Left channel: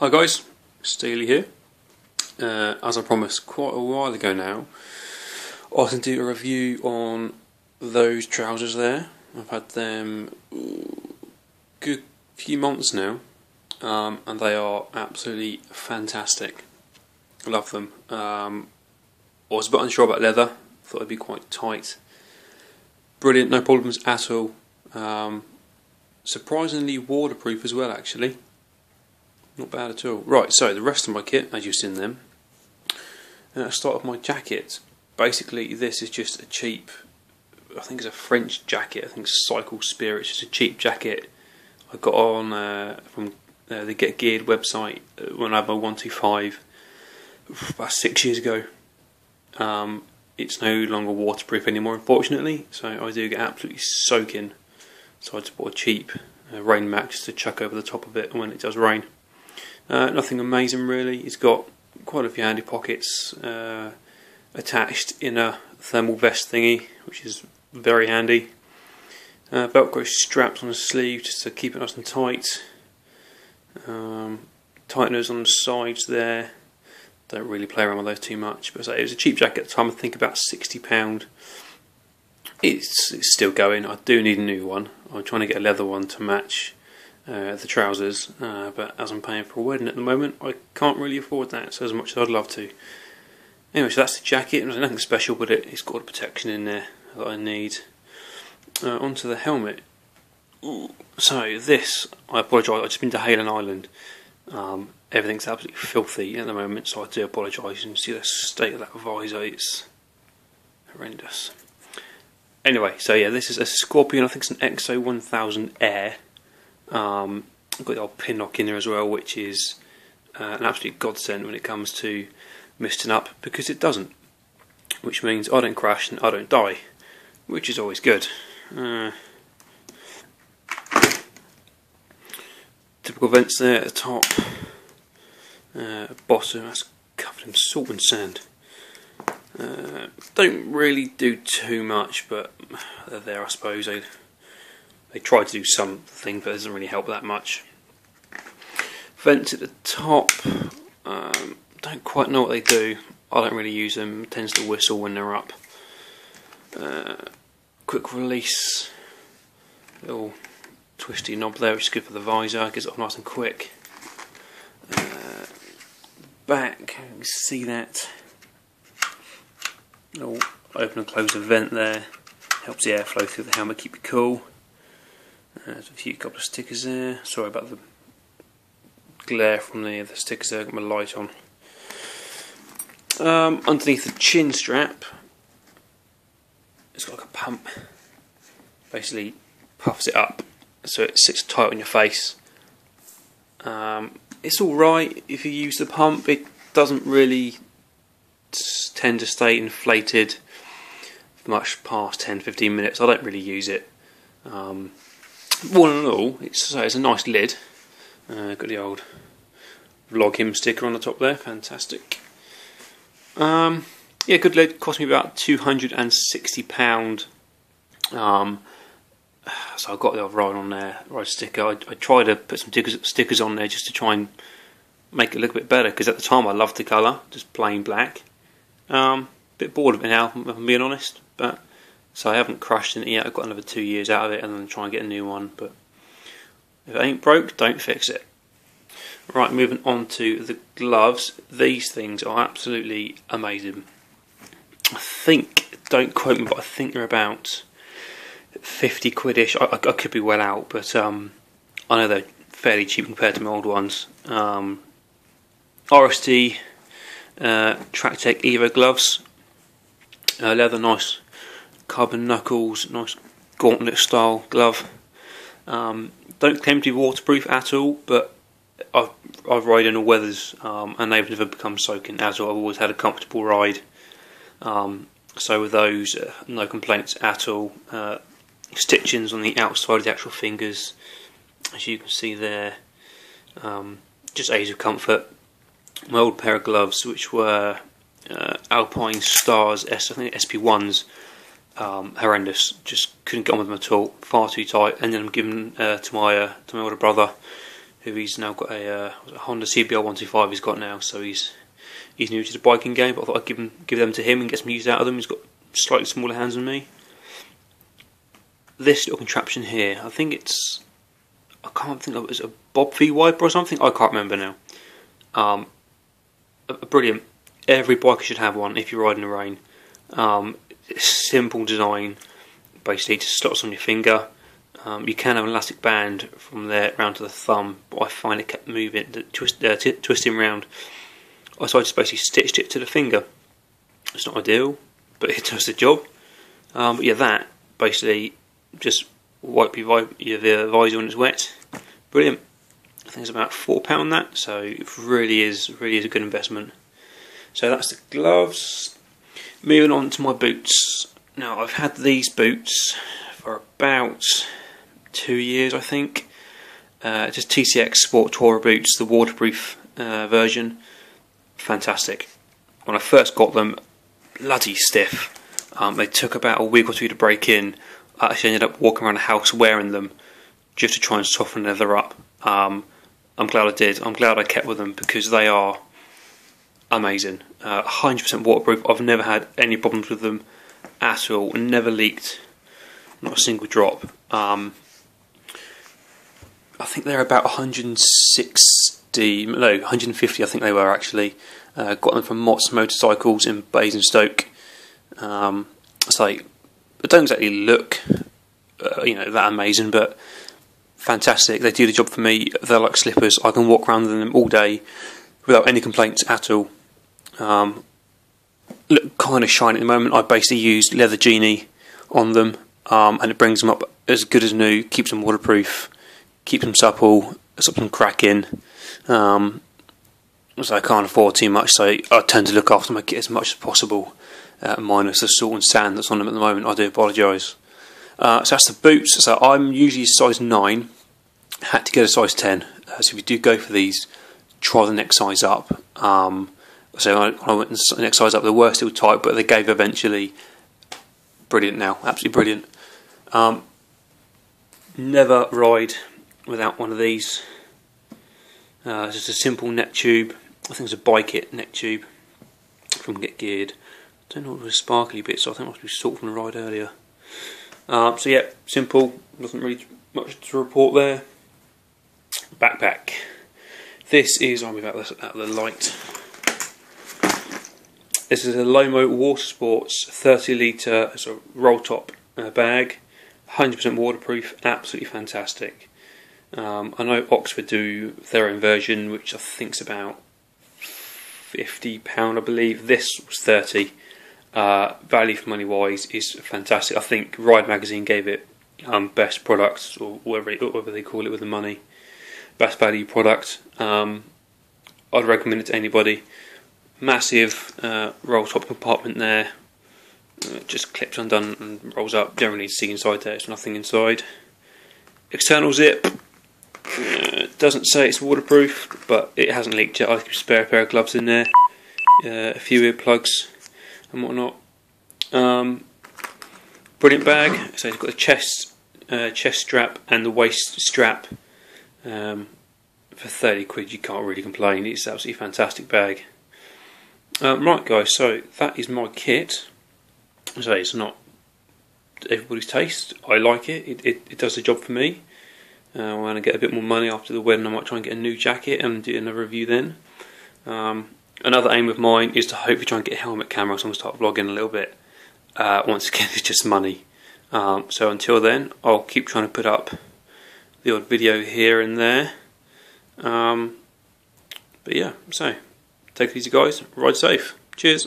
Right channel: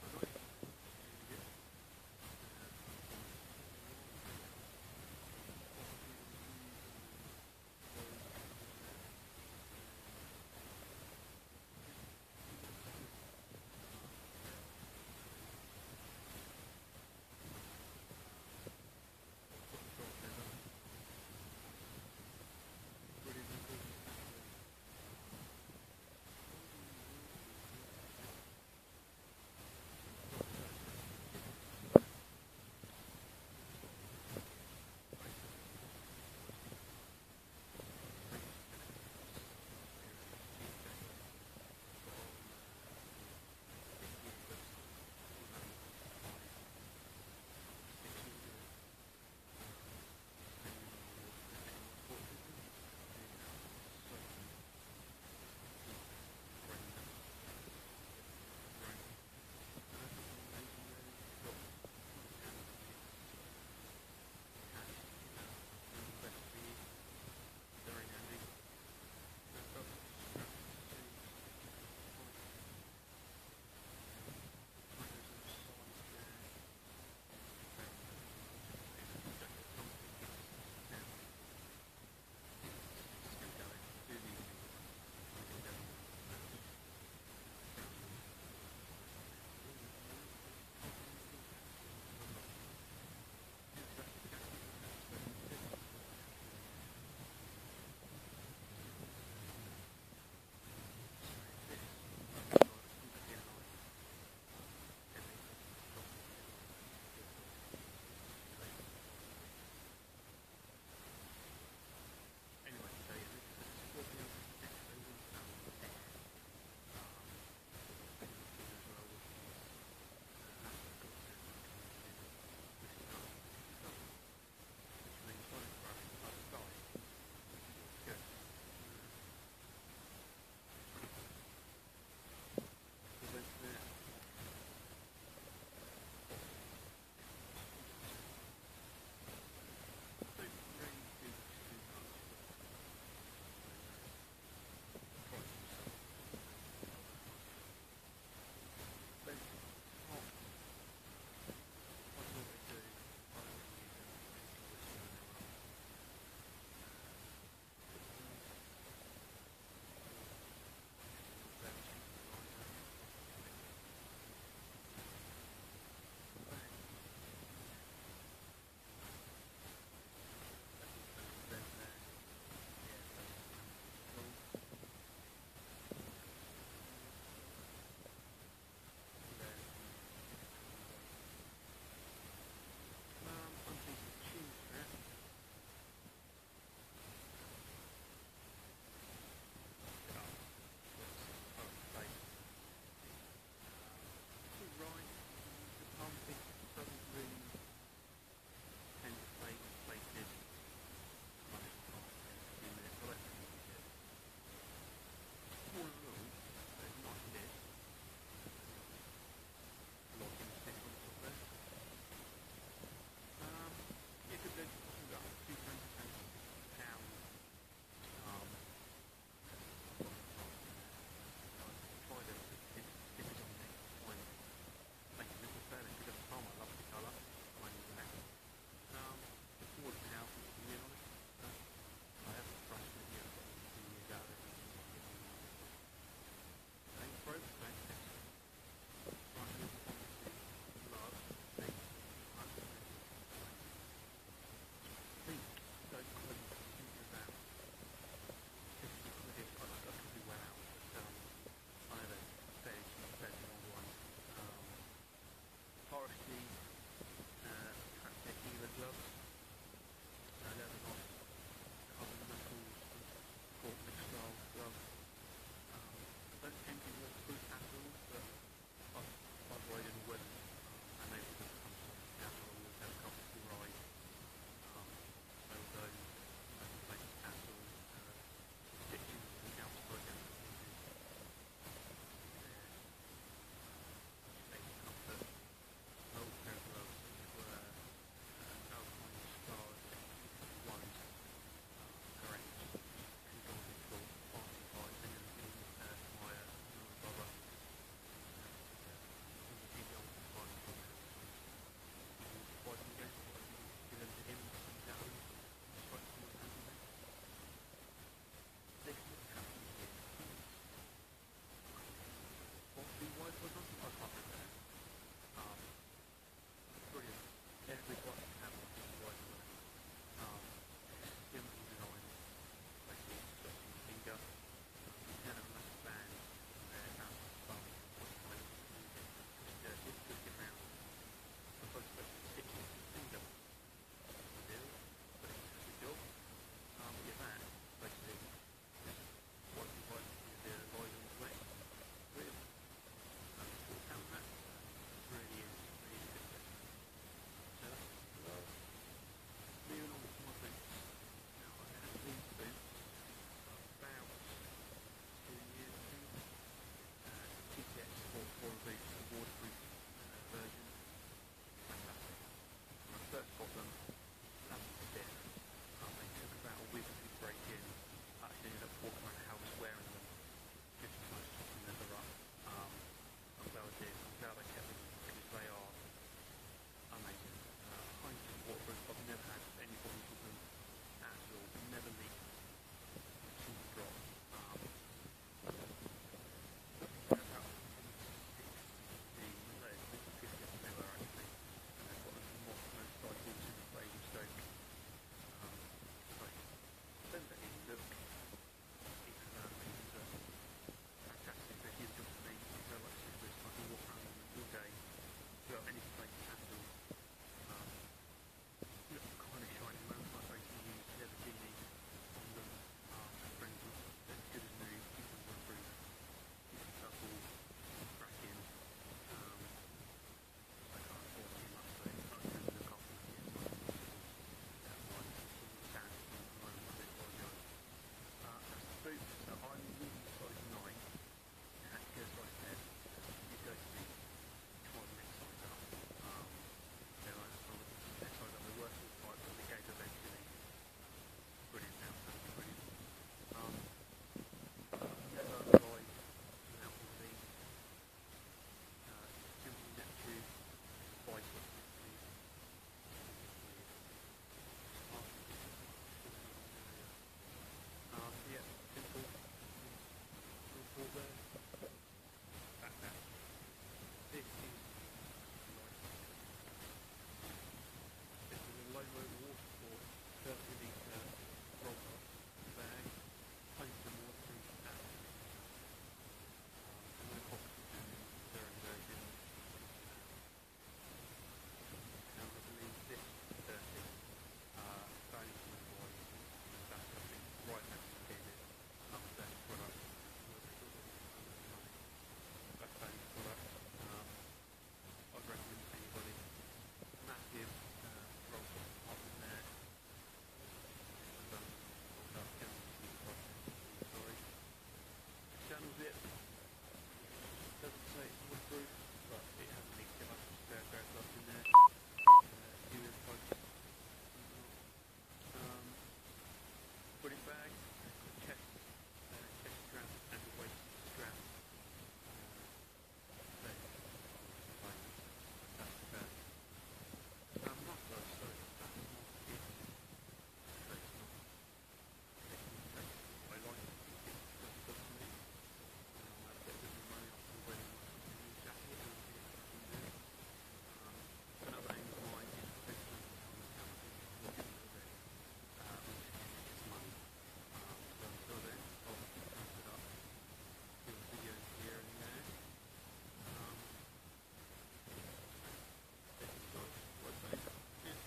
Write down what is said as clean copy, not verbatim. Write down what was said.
Hi guys, Steely here. As I promised quite a while ago now, I was going to do a review on those trousers there. I've had them good few months now, and they are absolutely fantastic. I love them. I was a bit unsure about leather, thought it'd be quite tight. Brilliant, no problems at all. Surprisingly waterproof as well actually. Not bad at all. Right, so the rest of my kit, as you've seen them. I'll start with my jacket. Basically, this is just a cheap, I think it's a French jacket. I think it's Cycle Spirit. It's just a cheap jacket I got on from the Get Geared website when I had my 125 about 6 years ago. It's no longer waterproof anymore, unfortunately, so I do get absolutely soaking. So I just bought a cheap rain mat just to chuck over the top of it when it does rain. Nothing amazing really. It's got quite a few handy pockets attached in a thermal vest thingy, which is very handy. Velcro straps on the sleeve just to keep it nice and tight. Tighteners on the sides there. Don't really play around with those too much, but it was a cheap jacket at the time. I think about £60. It's still going. I do need a new one. I'm trying to get a leather one to match the trousers, but as I'm paying for a wedding at the moment, I can't really afford that, so as much as I'd love to. Anyway, so that's the jacket. There's nothing special, but it's got a protection in there that I need. Onto the helmet. So this, I apologise, I've just been to Haylen Island. Everything's absolutely filthy at the moment, so I do apologise. You can see the state of that visor, it's horrendous. Anyway, so yeah, this is a Scorpion, I think it's an XO 1000 Air. I've got the old pin lock in there as well, which is an absolute godsend when it comes to misting up, because it doesn't, which means I don't crash and I don't die, which is always good. Typical vents there at the top, bottom that's covered in salt and sand. Don't really do too much, but they're there, I suppose. They try to do something, but it doesn't really help that much. Vents at the top, don't quite know what they do. I don't really use them, it tends to whistle when they're up. Quick release, little twisty knob there, which is good for the visor, gets it off nice and quick. Back, you can see that. Little open and close the vent there, helps the airflow through the helmet, keep it cool. There's a couple of stickers there. Sorry about the glare from the stickers there. I've got my light on. Underneath the chin strap, it's got like a pump. Basically, puffs it up so it sits tight on your face. It's all right if you use the pump. It doesn't really tend to stay inflated much past 10-15 minutes. I don't really use it. All in all, it's a nice lid. Got the old Vlog Him sticker on the top there, fantastic. Yeah, good lid, cost me about £260. So I got the old ride sticker. I tried to put some stickers on there just to try and make it look a bit better, because at the time I loved the colour, just plain black. Bit bored of it now, if I'm being honest, but so I haven't crushed in it yet. I've got another 2 years out of it and then try and get a new one, but if it ain't broke, don't fix it. Right, moving on to the gloves. These things are absolutely amazing. I think, don't quote me, but I think they're about 50 quid-ish. I could be well out, but I know they're fairly cheap compared to my old ones. RSD Tractech Evo gloves. Leather, nice carbon knuckles, nice gauntlet style glove. Don't claim to be waterproof at all, but I've ride in all weathers, and they've never become soaking at all. I've always had a comfortable ride. So with those, no complaints at all. Stitchings on the outside of the actual fingers, as you can see there, just aids of comfort. My old pair of gloves, which were Alpine Stars I think SP1s, horrendous. Just couldn't get on with them at all. Far too tight. And then I'm giving to my older brother, who he's now got a Honda CBR 125 he's got now, so he's new to the biking game, but I thought I'd give them to him and get some use out of them. He's got slightly smaller hands than me. This little contraption here, I think I can't think of it as a Bob V wiper or something, I can't remember now. Brilliant. Every biker should have one if you're riding in the rain. Simple design, basically just slots on your finger. You can have an elastic band from there round to the thumb, but I find it kept moving, twisting round. So I just basically stitched it to the finger. It's not ideal, but it does the job. But yeah, that basically just wipe the visor when it's wet. Brilliant. I think it's about £4 that, so it really is a good investment. So that's the gloves. Moving on to my boots. Now I've had these boots for about 2 years, I think. Just TCX Sport Tourer boots, the waterproof version. Fantastic. When I first got them, bloody stiff. They took about a week or two to break in. I actually ended up walking around the house wearing them just to try and soften the leather up. I'm glad I did. I'm glad I kept with them because they are amazing. 100% waterproof. I've never had any problems with them at all. Never leaked. Not a single drop. I think they're about 150 I think they were actually. Got them from Mott's Motorcycles in Basingstoke. So they don't exactly look that amazing, but fantastic. They do the job for me. They're like slippers. I can walk around in them all day without any complaints at all. Look kind of shiny at the moment. I basically used Leather Genie on them, and it brings them up as good as new. Keeps them waterproof, keeps them supple, stops them cracking. So I can't afford too much, so I tend to look after my kit as much as possible, minus the salt and sand that's on them at the moment. I do apologise. So that's the boots. So I'm usually size 9. Had to get a size 10. So if you do go for these, try the next size up. So I went the next size up. They were still tight, but they gave eventually. Brilliant now, absolutely brilliant. Never ride without one of these. It's just a simple neck tube. I think it's a Bike It neck tube from Get Geared. I don't know what was sparkly bits, so I think it must be salt from the ride earlier. So yeah, simple, nothing really much to report there. Backpack. This is, I'll move out the light. This is a Lomo Water Sports 30 litre roll top bag, 100% waterproof, absolutely fantastic. I know Oxford do their own version, which I think is about £50, I believe. This was 30. Value for money wise is fantastic. I think Ride Magazine gave it best product, or whatever they call it with the money, best value product. I'd recommend it to anybody. Massive roll top compartment there. Just clips undone and rolls up. Generally, see inside there. It's nothing inside. External zip. Doesn't say it's waterproof, but it hasn't leaked yet. I keep a spare pair of gloves in there, a few earplugs and whatnot. Brilliant bag. So it's got a chest strap and the waist strap. For 30 quid, you can't really complain. It's an absolutely fantastic bag. Right, guys. So that is my kit. So it's not everybody's taste. I like it. It does the job for me. When I get a bit more money after the wedding, I might try and get a new jacket and do another review then. Another aim of mine is to hopefully try and get a helmet camera, so I'm going to start vlogging a little bit. Once again, it's just money. So until then, I'll keep trying to put up the odd video here and there. But yeah, so take it easy, guys. Ride safe. Cheers.